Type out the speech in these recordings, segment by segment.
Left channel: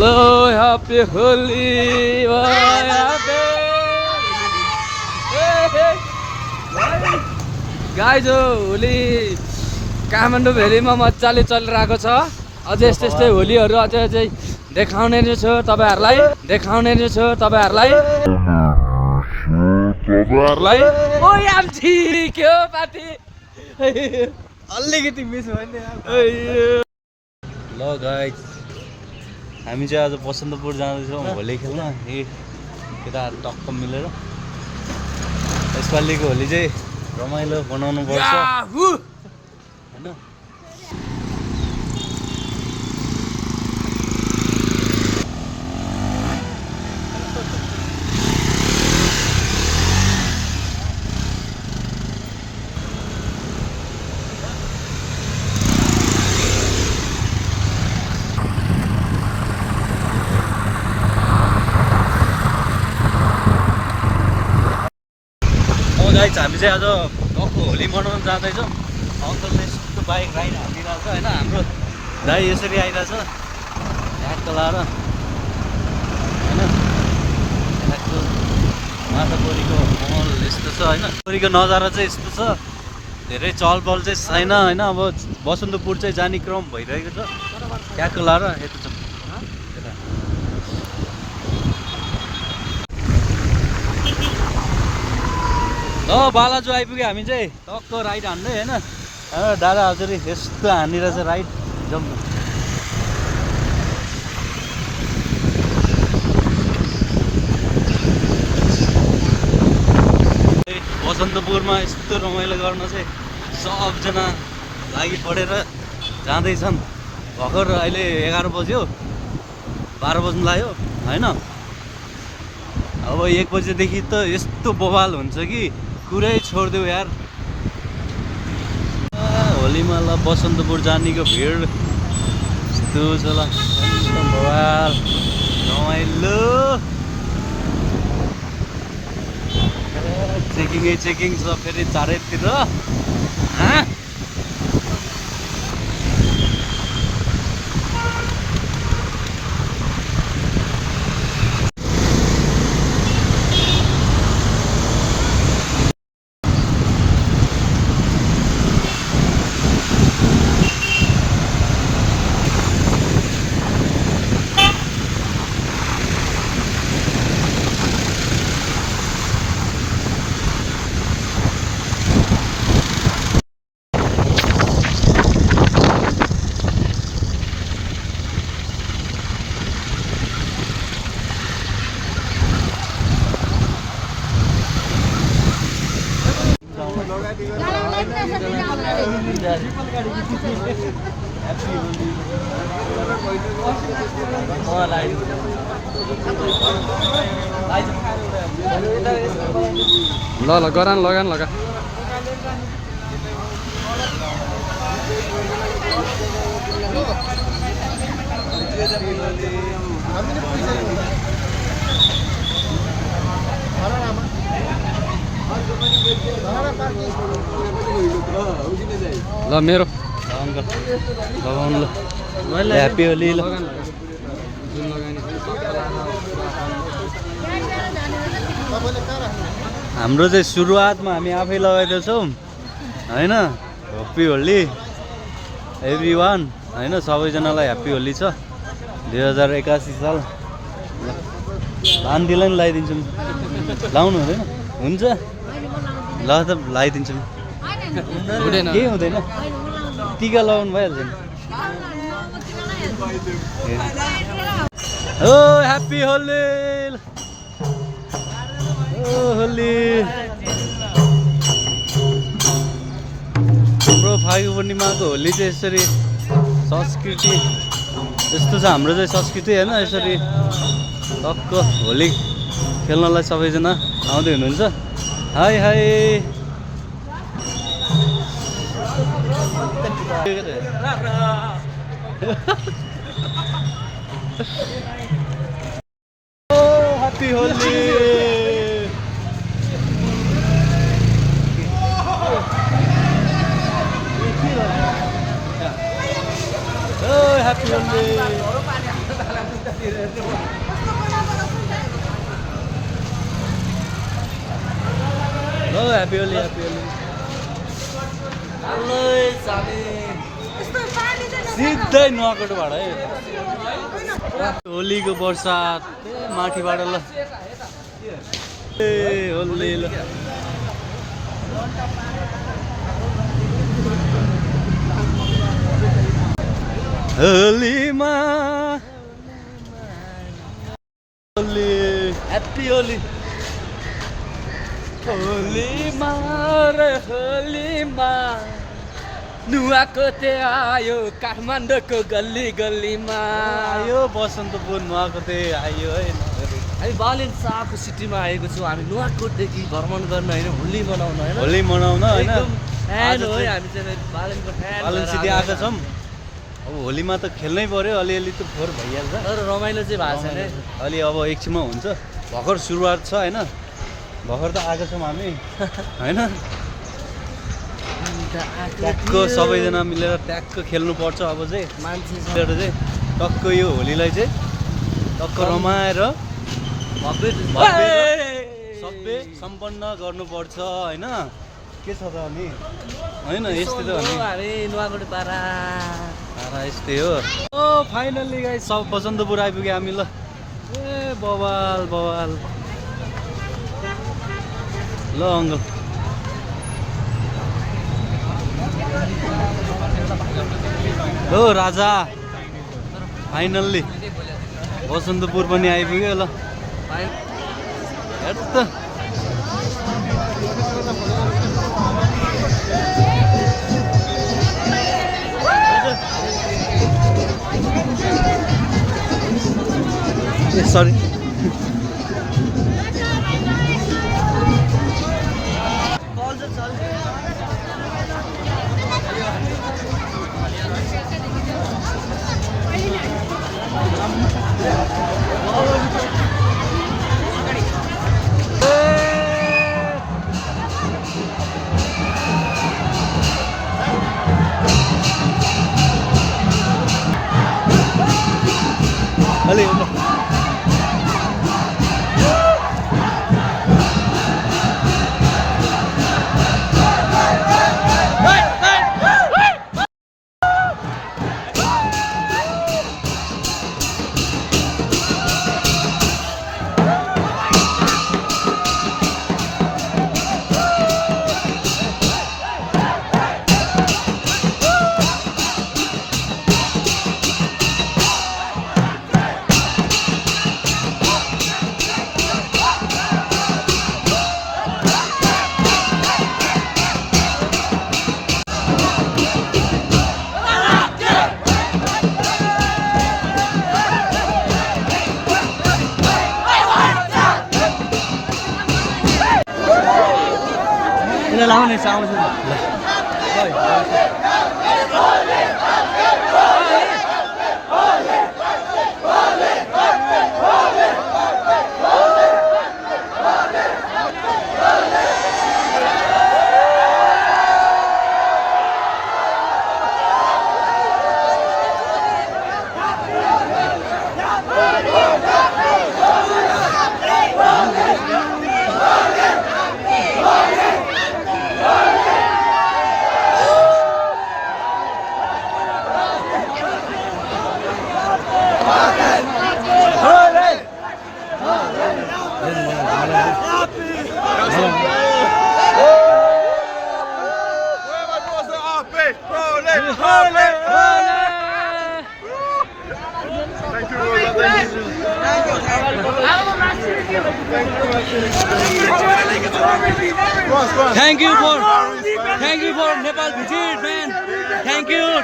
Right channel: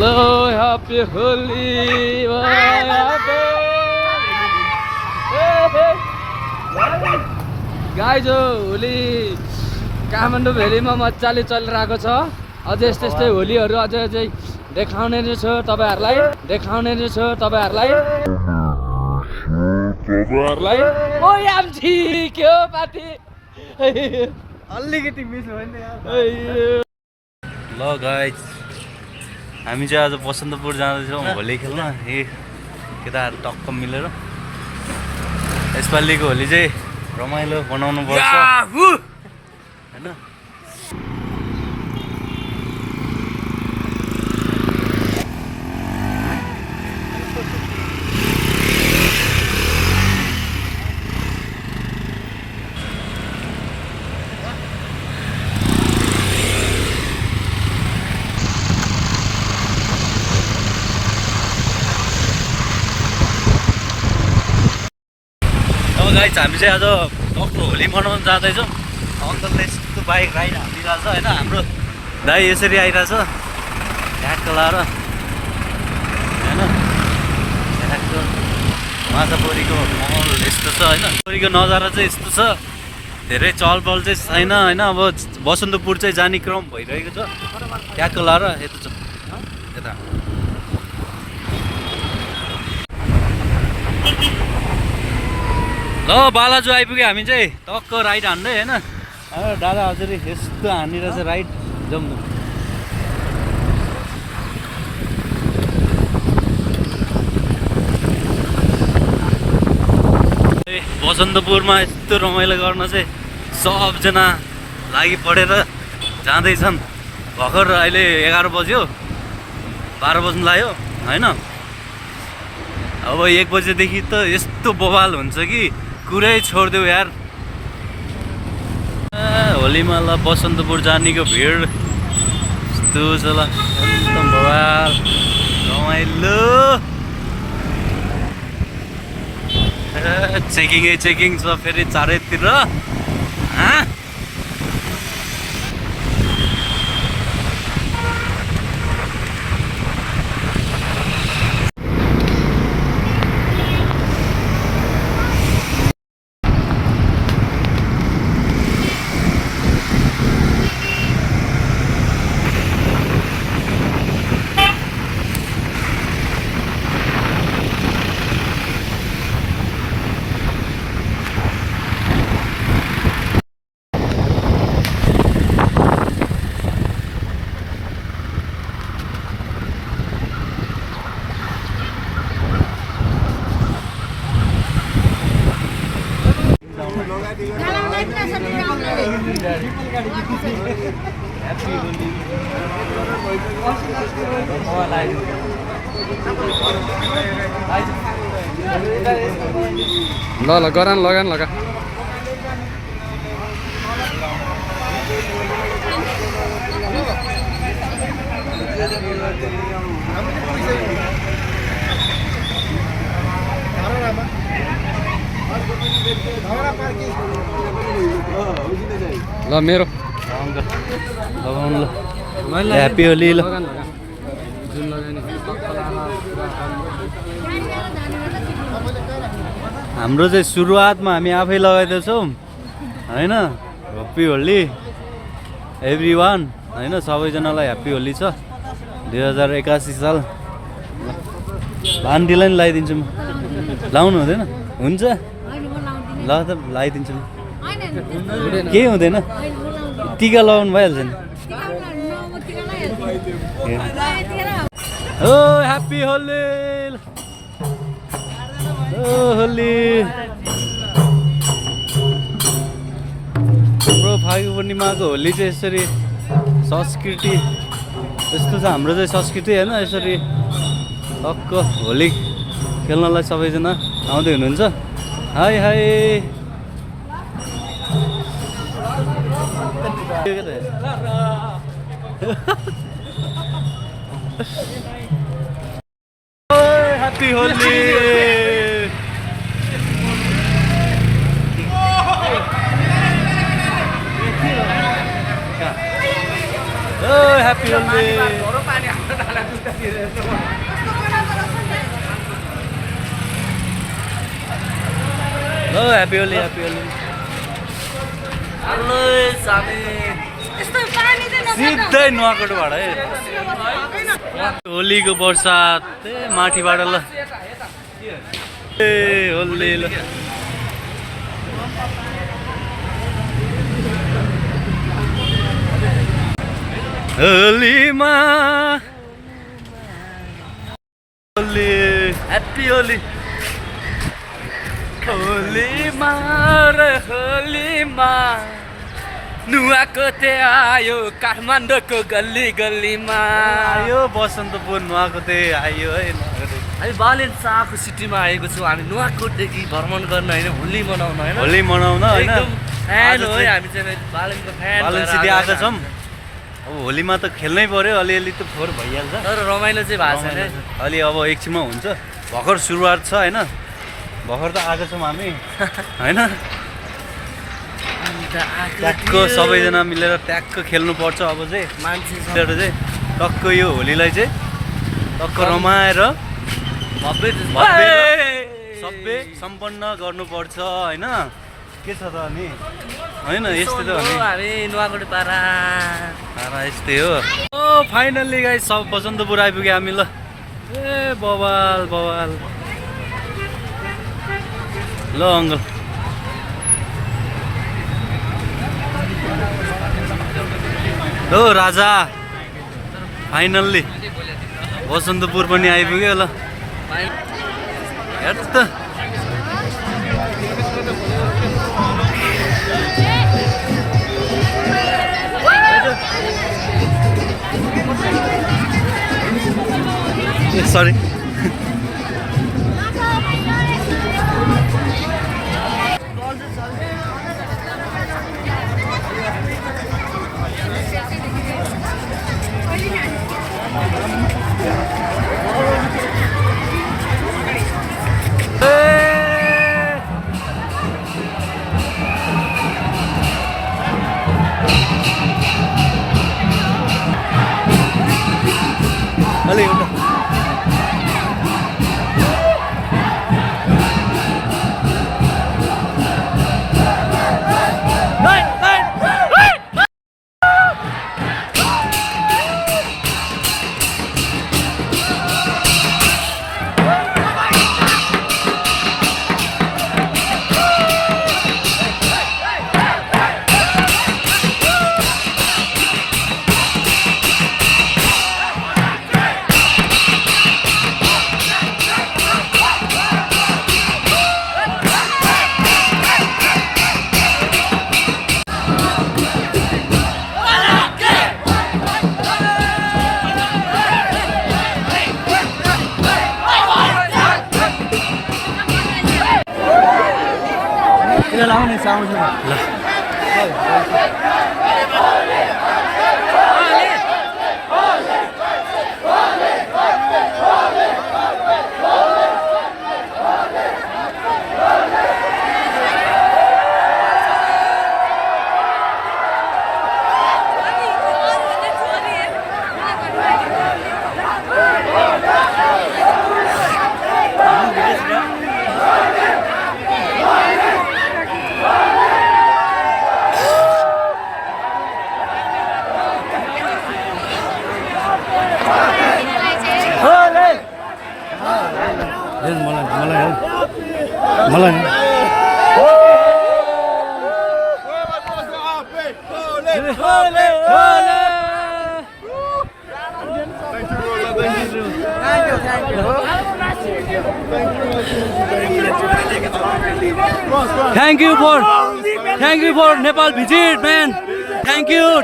लो happy Holi guys Holi Kathmandu भेलीमा मजाले चलिरहेको छ। अझै यस्तै यस्तै होलीहरू अझै देखाउने नै छ तपाईँहरूलाई ओ यामजी के हो पार्टी अलिकति मिस भयो नि। ल गाइज हामी चाहिँ आज बसन्तपुर जाँदैछौँ होली खेल्न। केटाहरू टक्क मिलेर यसपालिको होली चाहिँ रमाइलो बनाउनु पर्छ हैन। गाइज हामी चाहिँ आज टक्क होली मनाउन जाँदैछौँ। अङ्कलले यस्तो बाइक राइड हालिरहेको छ होइन। हाम्रो दाइ यसरी आइरहेछ ढ्याक्क लाएर होइन। ढ्याक्क माछापोरीको महल यस्तो छ होइन। पोरीको नजारा चाहिँ यस्तो छ, धेरै चहलपहल चाहिँ छैन होइन। अब बसन्तपुर चाहिँ जाने क्रम भइरहेको छ। ढ्याक्क लाएर यता छ यता ल बालाजु आइपुग्यो। हामी चाहिँ टक्क राइड हान्दै होइन। दादा हजुर यस्तो हानिरहेछ राइड जम्नु। बसन्तपुरमा यस्तो रमाइलो गर्न चाहिँ सबजना लागि पढेर जाँदैछन्। भर्खर अहिले 11 बज्यो, 12 बज्नु लाग्यो होइन। अब 1 बजेदेखि त यस्तो बवाल हुन्छ कि कुरै छोडिदेऊ यार। होलीमा ल बसन्तपुर जानेको भिड यस्तो छ ल, एकदम बवाल रमाइलो। चेकिङ छ फेरि चारैतिर। ल गरान लगान लगा। ल मेरो लगाउनु ल ह्याप्पी होली ल। हाम्रो चाहिँ सुरुवातमा हामी आफै लगाइदिन्छौँ होइन। ह्याप्पी होली एभ्री वान होइन। सबैजनालाई ह्याप्पी होली छ 2081 साल। ल भान्तीलाई नि लगाइदिन्छु म। लाउनु हुँदैन? हुन्छ ल त लगाइदिन्छु म। केही हुँदैन, टिका लगाउनु भइहाल्छ नि। ओ ह्याप्पी होली होली। हाम्रो फागु पूर्णिमाको होली चाहिँ यसरी संस्कृति यस्तो छ हाम्रो चाहिँ संस्कृति होइन। यसरी टक्क होली खेल्नलाई सबैजना आउँदै हुनुहुन्छ। Hi hi happy Holi. Happy Holi. ल happy Holi happy Holi hello Sami सिधै नुवाकोटबाट है होलीको बर्सात माथिबाट ल ए होली ल होलीमा होली ह्याप्पी होली होलीमा र होलीमा नुवाकोटे आयो काठमाडौँको गल्ली गल्लीमा आयो बसन्तपुर नुवाकोटे आयो है हामी बालेन शाहको सिटीमा आएको छौँ हामी नुवाकोटदेखि भ्रमण गर्न होइन होली मनाउन होइन होली मनाउन होइन फ्यान हो है हामी चाहिँ बालेनको फ्यान बालन सिटी आएका छौँ अब होलीमा त खेल्नै पर्यो अलिअलि त फोहोर भइहाल्छ तर रमाइलो चाहिँ भएको छैन है। अलि अब एकछिनमा हुन्छ भर्खर सुरुवात छ होइन भर्खर त आएको छौँ हामी होइन ट्याक्क सबैजना मिलेर ट्याक्क खेल्नुपर्छ अब चाहिँ मान्छे मिलेर चाहिँ टक्क यो होलीलाई चाहिँ टक्क रमाएर भव्य सबै सम्पन्न गर्नुपर्छ होइन के छ त अनि होइन यस्तै त हो नि हामी नुवाकोटे पारा यस्तै हो ओ फाइनल्ली गाइस सब बसन्तपुर आइपुग्यो हामी ल ए बवाल बवाल ल अङ्कल हो राजा फाइनल्ली बसन्तपुर पनि आइपुग्यो ल हेर त सरी अलि एउटा लाउने आउँछ ल Thank you for Nepal visit, man. Thank you.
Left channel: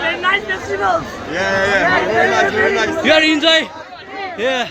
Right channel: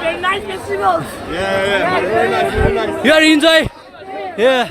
Very nice festival. Yeah. Very nice. You are enjoy. Yeah.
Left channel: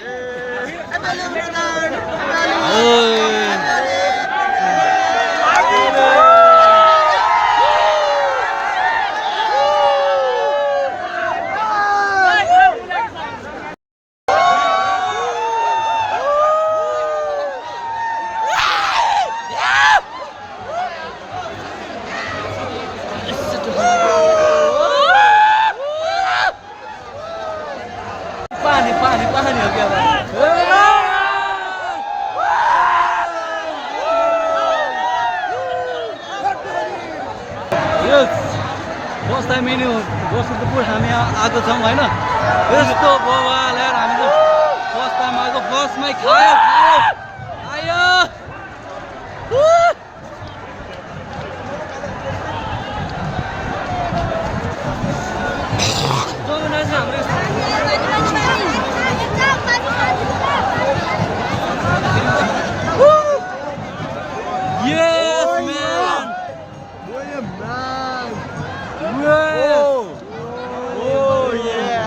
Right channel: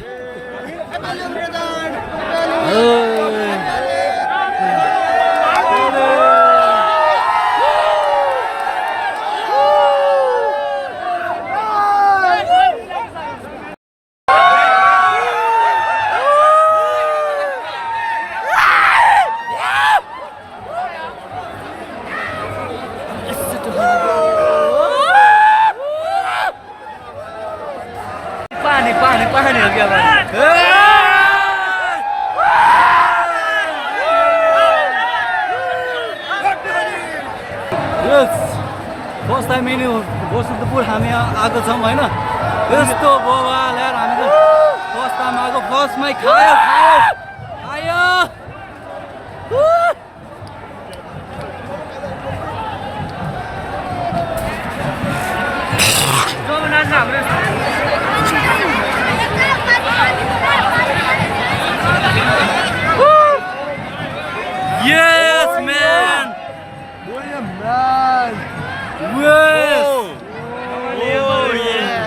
Time यिनी बसन्तपुर हामी आएको छौँ होइन यस्तो बवाल यार हामी त फर्स्ट टाइम आएको फर्स्टमै खायो खायो खायो Yes, man! Yes! Oh, yeah!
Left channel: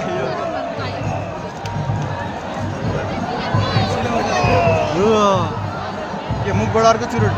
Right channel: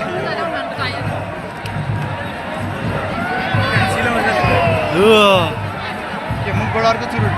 के मुखबाट अर्को चुरु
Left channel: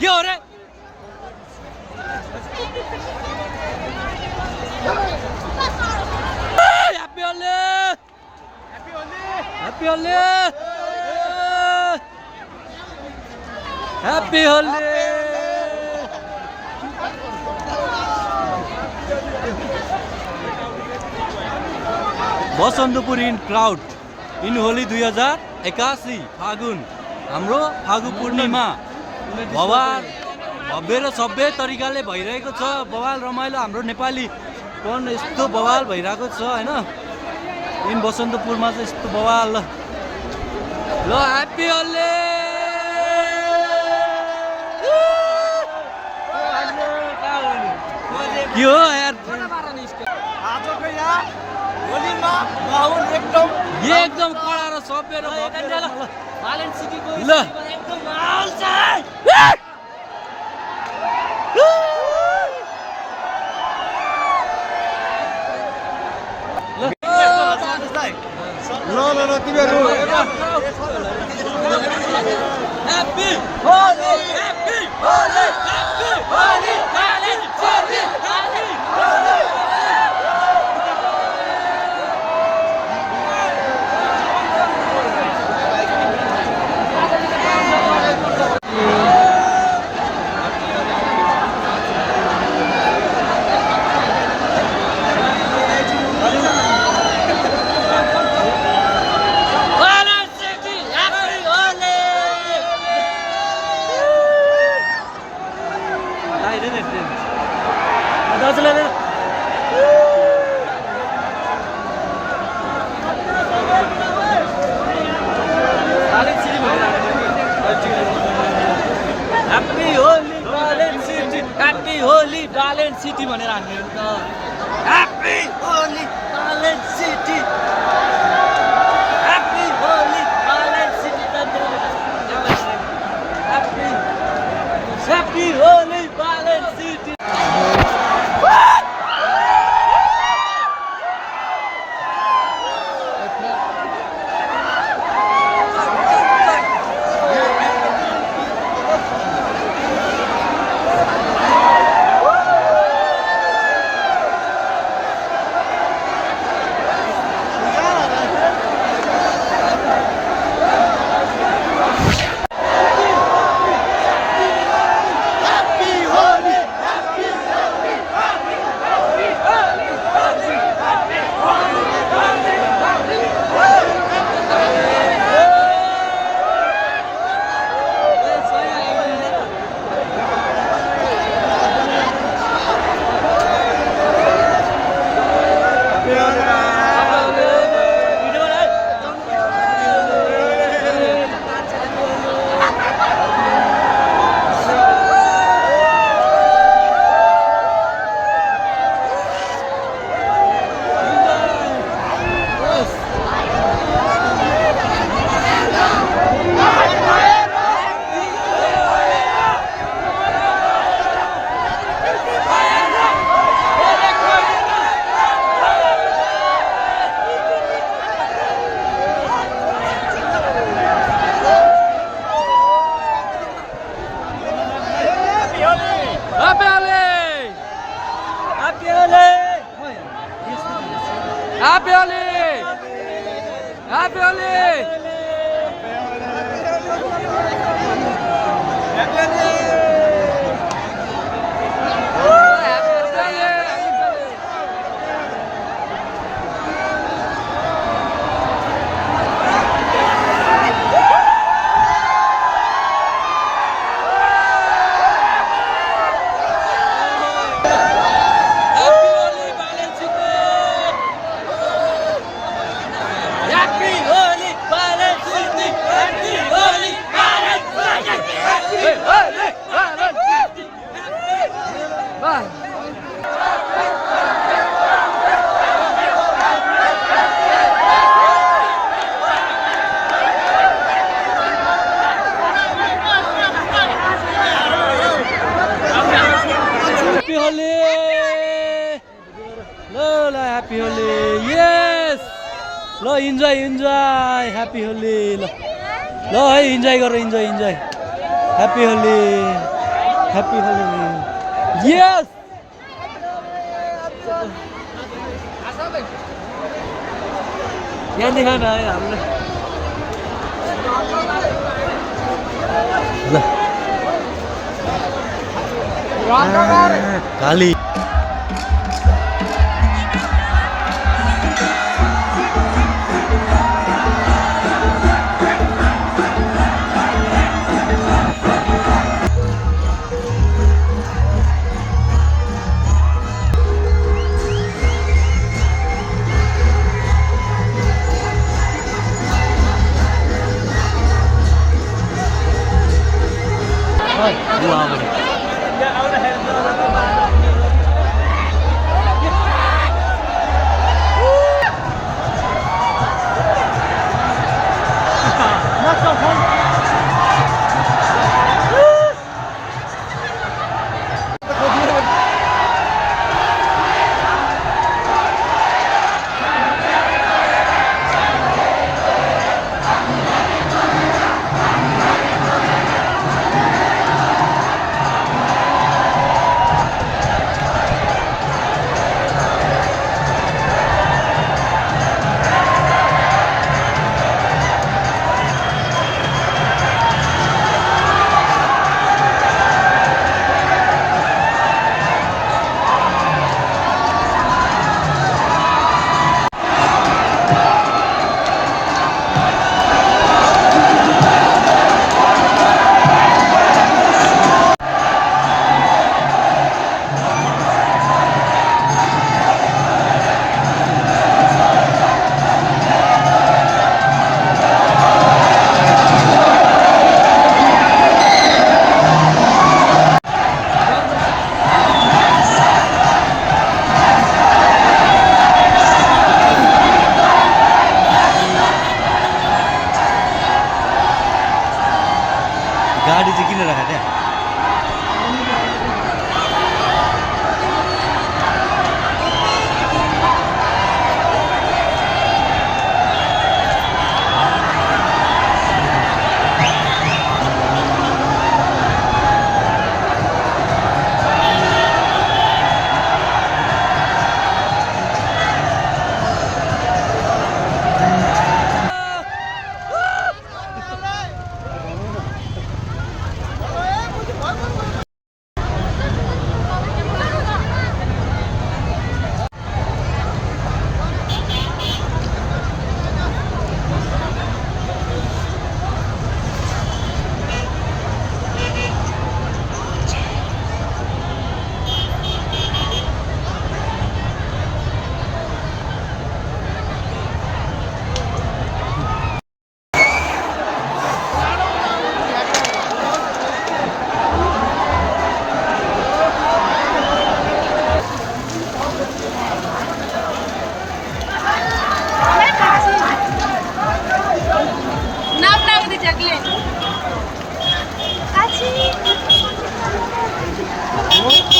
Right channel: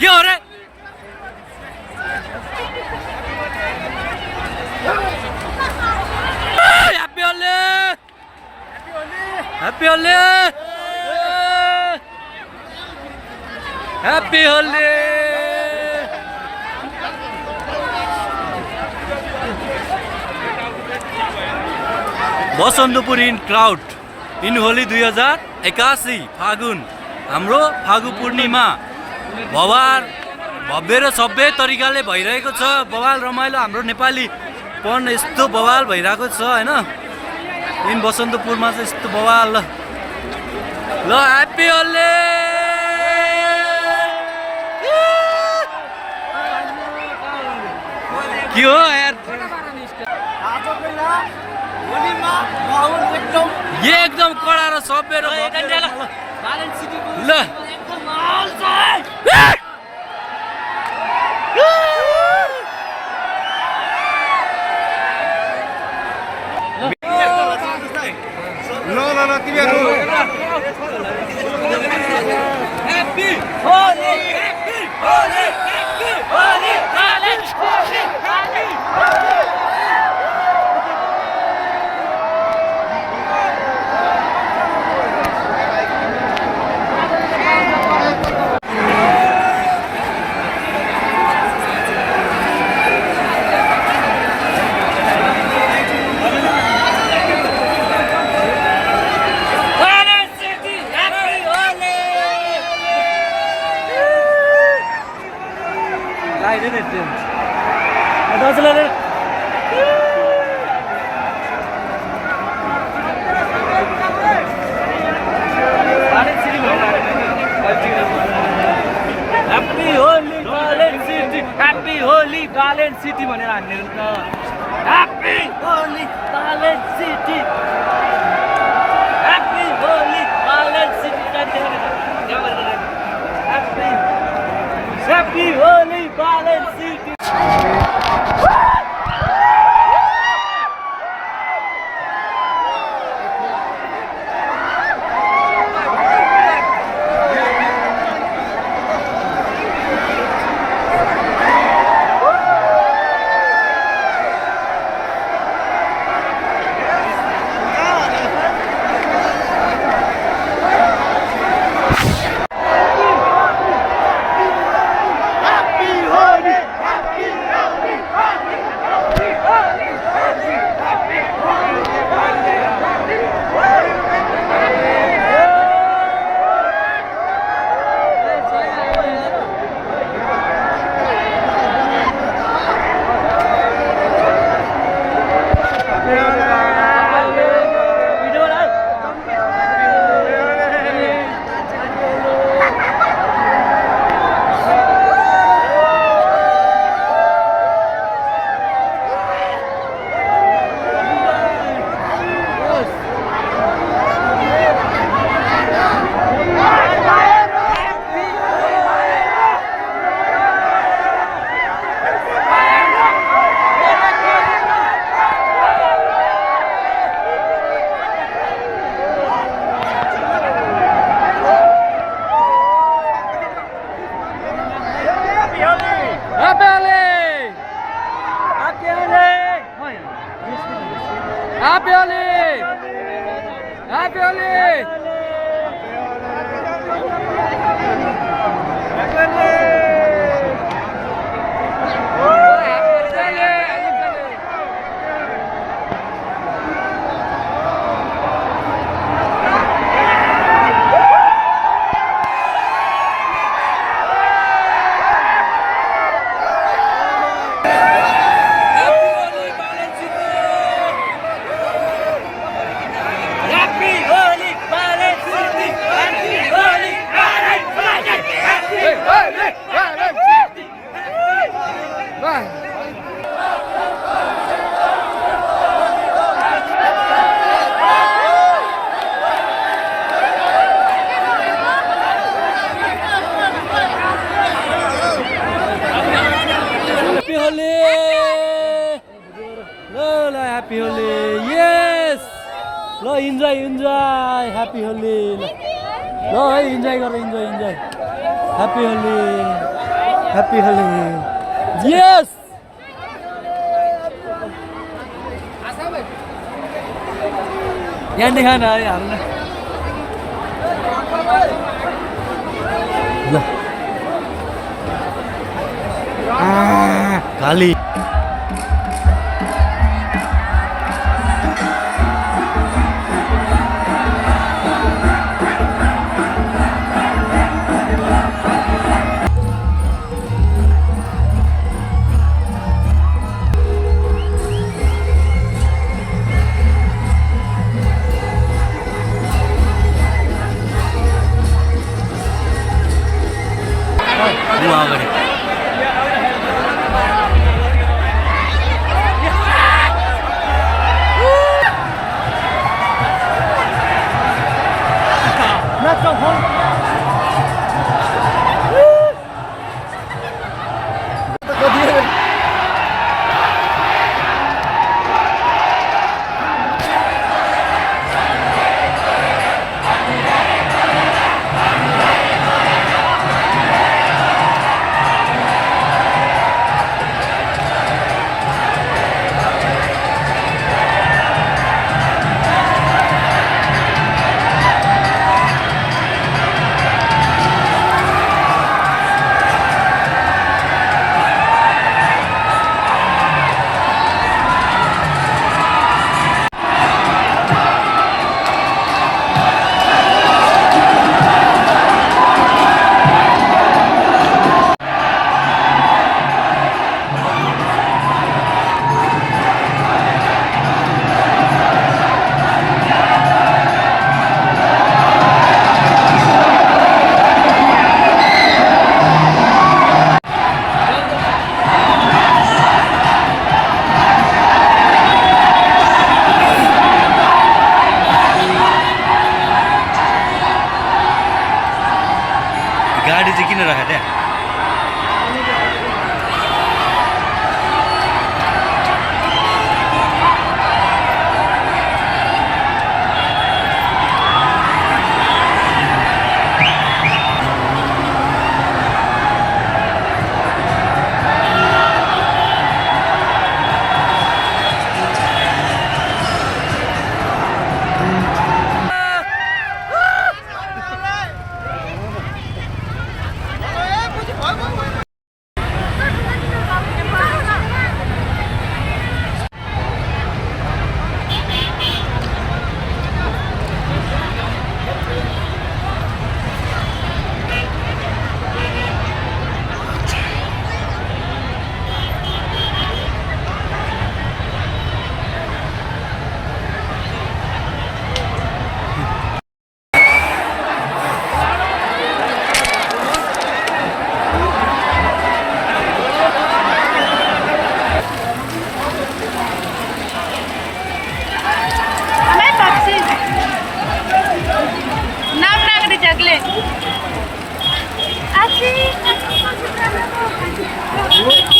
के हो रे happy Holi happy Holi happy Holi Basantapur in crowd in Holi 2081 फागुन हाम्रो फागु पूर्णिमा बवाल भव्य र सभ्य तरिकाले भइरहेको छ बवाल रमाइलो हाम्रो नेपाली पन यस्तो बवाल भइरहेको छ हैन इन बसन्तपुरमा चाहिँ यस्तो बवाल ल ह्याप्पी होली के हो यार एकदम कडा र सभ्य र ल ल तिमीहरू Happy Holi! Happy Holi! Happy Holi! College Holi! Happy Holy Talent City भनेर हान्ने हो त Happy Holy Talent City Happy Holy Talent City Happy Holy Talent City Happy Holi! Happy Holi! Happy Holi! ल ह्याप्पी होली यस ल enjoy enjoy happy Holi ल ल है enjoy गर इन्जोय इन्जोय ह्याप्पी होली यस यहाँ देखा न है हाम्रो ल काली अगाडि गाडी चाहिँ किन राखेको त्यहाँ Aci.